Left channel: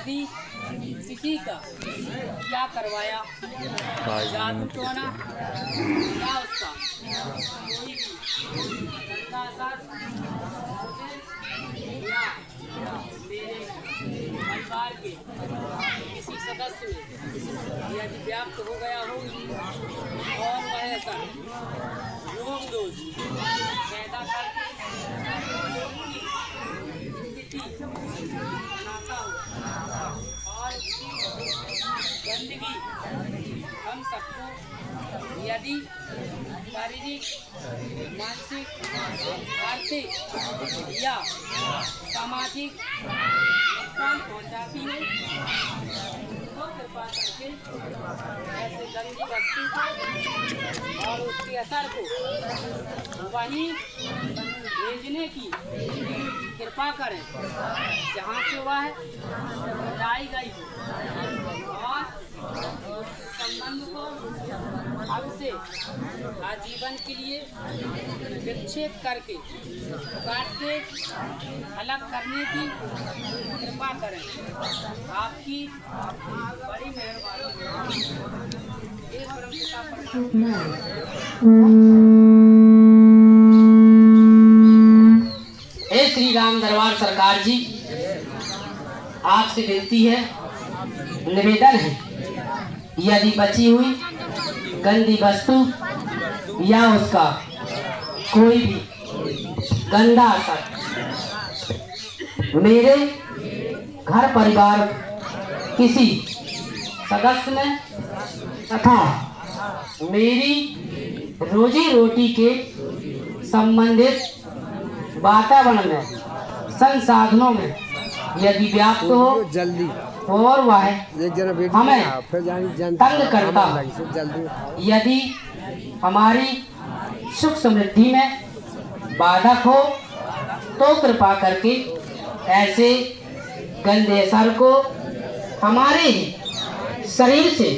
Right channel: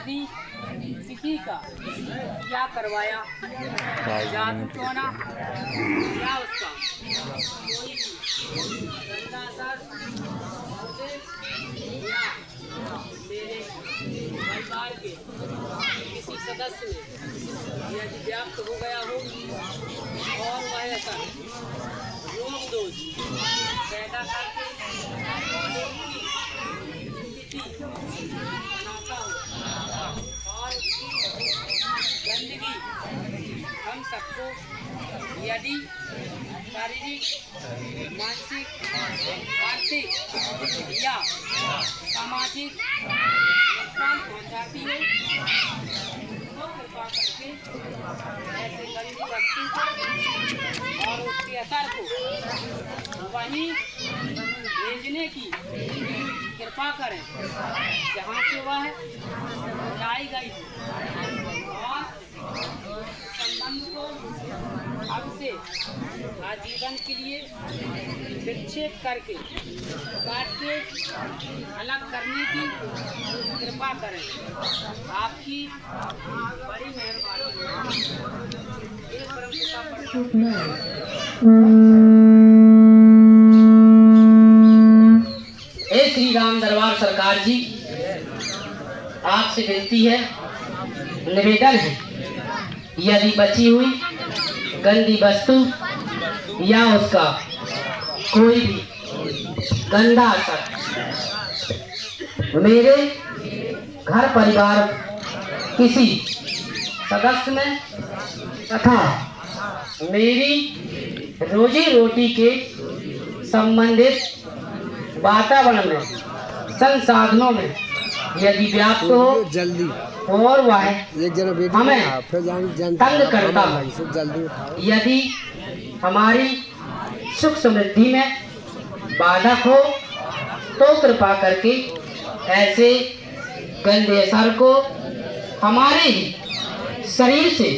यदि किसी का क्या करवाया जादू टोना या उसका कोई भी गंदा असर या मेरे परिवार के किसी सदस्य में यदि व्याप्त हो गया हो और वह ऐसा रोग दोष पैदा करके बनाता हो और गंदगी हम सबको यदि शारीरिक, मानसिक, आर्थिक या सामाजिक नुकसान पहुंचाती है तो कृपा करके ऐसे गंदी वस्तु को और उसके असर को वहीं भेजने की कृपा करें जहाँ से वह लाई गई हो और संबंध को अब से आजीवन के लिए विच्छेद करके काट के अलग करने की कृपा करें। आपकी बड़ी मेहरबानी। हे श्री राम दरबार सरकार जी, आपसे विनती है, निवेदन है, यदि बची हुई गंदी वस्तु या उसका कोई भी गंदा असर मेरे घर परिवार किसी सदस्य में तथा मेरी रोजी रोटी के संबंधित वातावरण में, संसाधनों में यदि व्याप्त हो जल्दी और वह हमें तंग करता, यदि हमारी सुख समृद्धि में बाधक हो तो कृपा करके ऐसे गंदे असर को हमारे ही शरीर से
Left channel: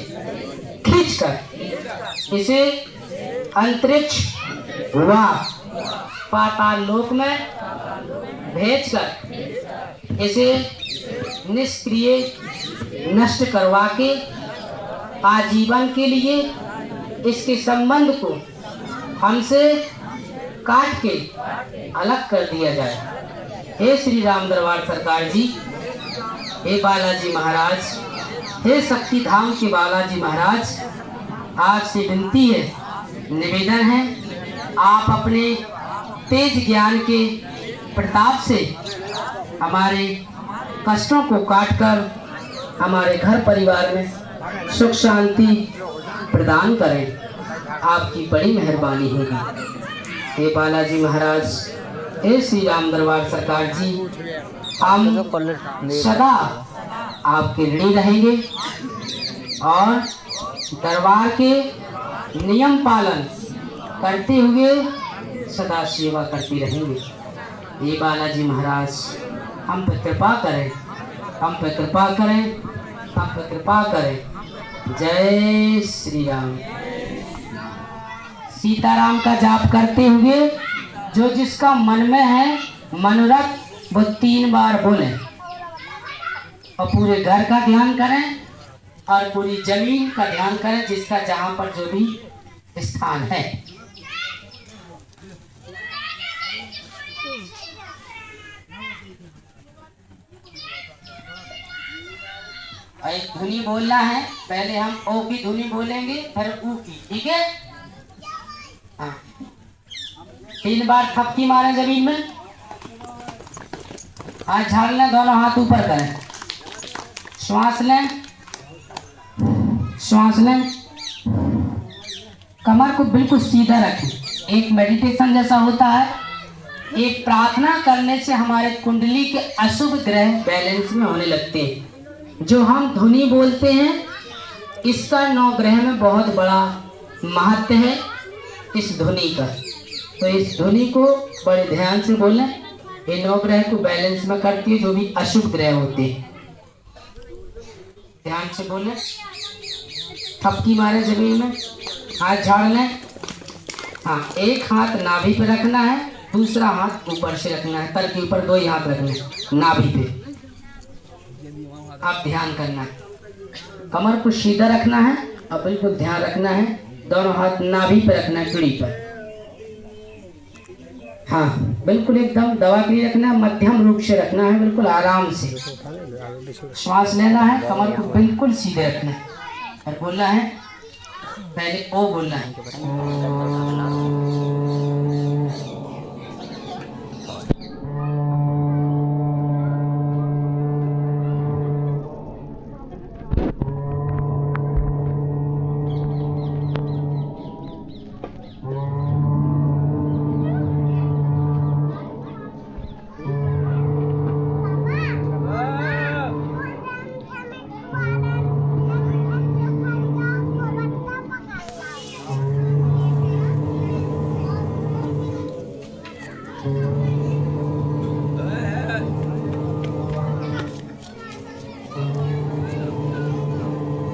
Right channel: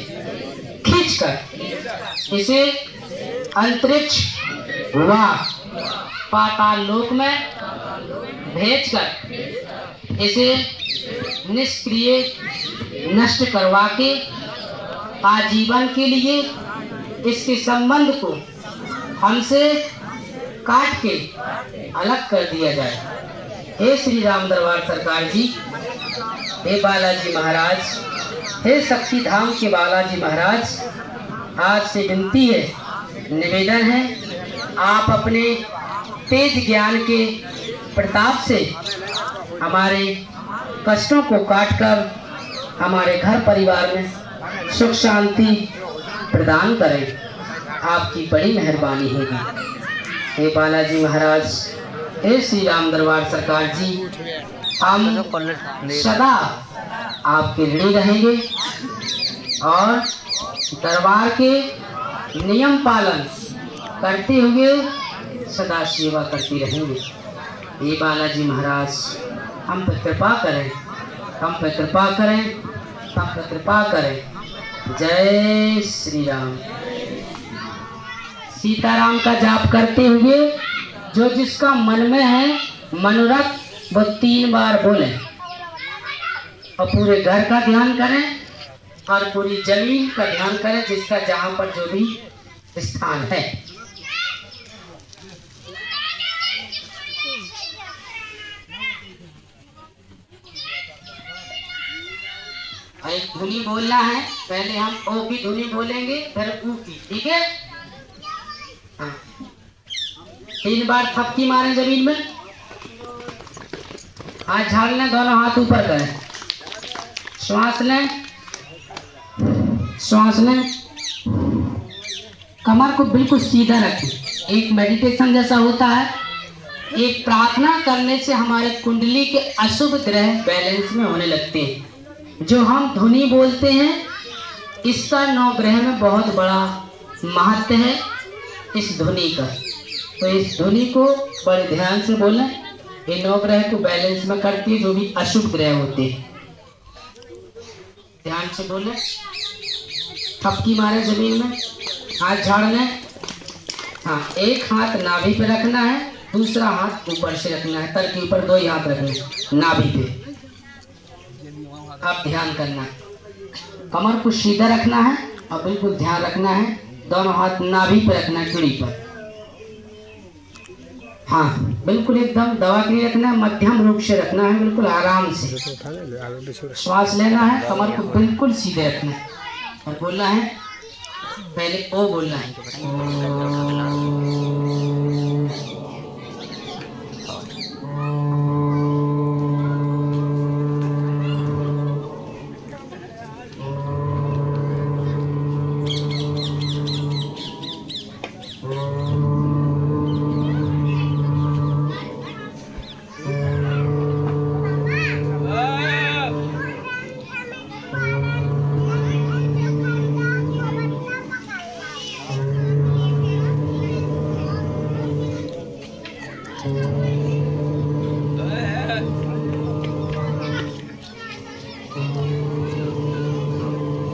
खींचकर इसे अंतरिक्ष व पाताल लोक में भेजकर इसे निष्क्रिय नष्ट करवा के आजीवन के लिए इसके संबंध को हमसे काट के अलग कर दिया जाए। हे श्री राम दरबार सरकार जी, हे बालाजी महाराज, हे शक्ति धाम के बालाजी महाराज, आपसे विनती है, निवेदन है, आप अपने तेज ज्ञान के प्रताप से हमारे कष्टों को काटकर हमारे घर परिवार में सुख शांति प्रदान करें। आपकी बड़ी मेहरबानी होगी। हे बालाजी महाराज, हे श्री राम दरबार सरकार जी, हम सदा आपके ऋणी रहेंगे और दरबार के नियम पालन करते हुए सदा सेवा करते रहेंगे। हे बालाजी महाराज, हम पर कृपा करें, हम पर कृपा करें, हम पर कृपा करें। जय श्री राम। सीताराम का जाप करते हुए जो जिसका मन में है मनोरथ वो 3 बार बोले और पूरे घर का ध्यान करें और पूरी जमीन का ध्यान करें, जिसका जहाँ पर जो भी स्थान है। एक धुनी बोलना है, पहले हम ओ की धुनी बोलेंगे फिर ऊ की, ठीक है? हाँ। 3 बार थपकी मारें जमीन में, हाथ झाड़ लें, दोनों हाथ ऊपर करें, श्वास लें, श्वास लें, कमर को बिल्कुल सीधा रखें। एक मेडिटेशन जैसा होता है। एक प्रार्थना करने से हमारे कुंडली के अशुभ ग्रह बैलेंस में होने लगते हैं। जो हम धुनी बोलते हैं इसका 9 ग्रह में बहुत बड़ा महत्व है इस धुनी का। तो इस धुनी को बड़े ध्यान से बोलें। ये 9 ग्रह को बैलेंस में करती है, जो भी अशुभ ग्रह होते हैं। ध्यान से बोलें, थपकी मारे जमीन में, हाथ झाड़ लें। हाँ, एक हाथ नाभि पे रखना है, दूसरा हाथ ऊपर से रखना है, तल के ऊपर 2 ही हाथ रखने नाभि पे। आप ध्यान करना है, कमर को सीधा रखना है और बिल्कुल ध्यान रखना है, दोनों हाथ नाभि पर रखना है, पीढ़ी पर। हाँ बिल्कुल एकदम दबा के रखना है, मध्यम रूप से रखना है, बिल्कुल आराम से श्वास लेना है, कमर को बिल्कुल सीधे रखना है और बोलना है, पहले ओ बोलना है।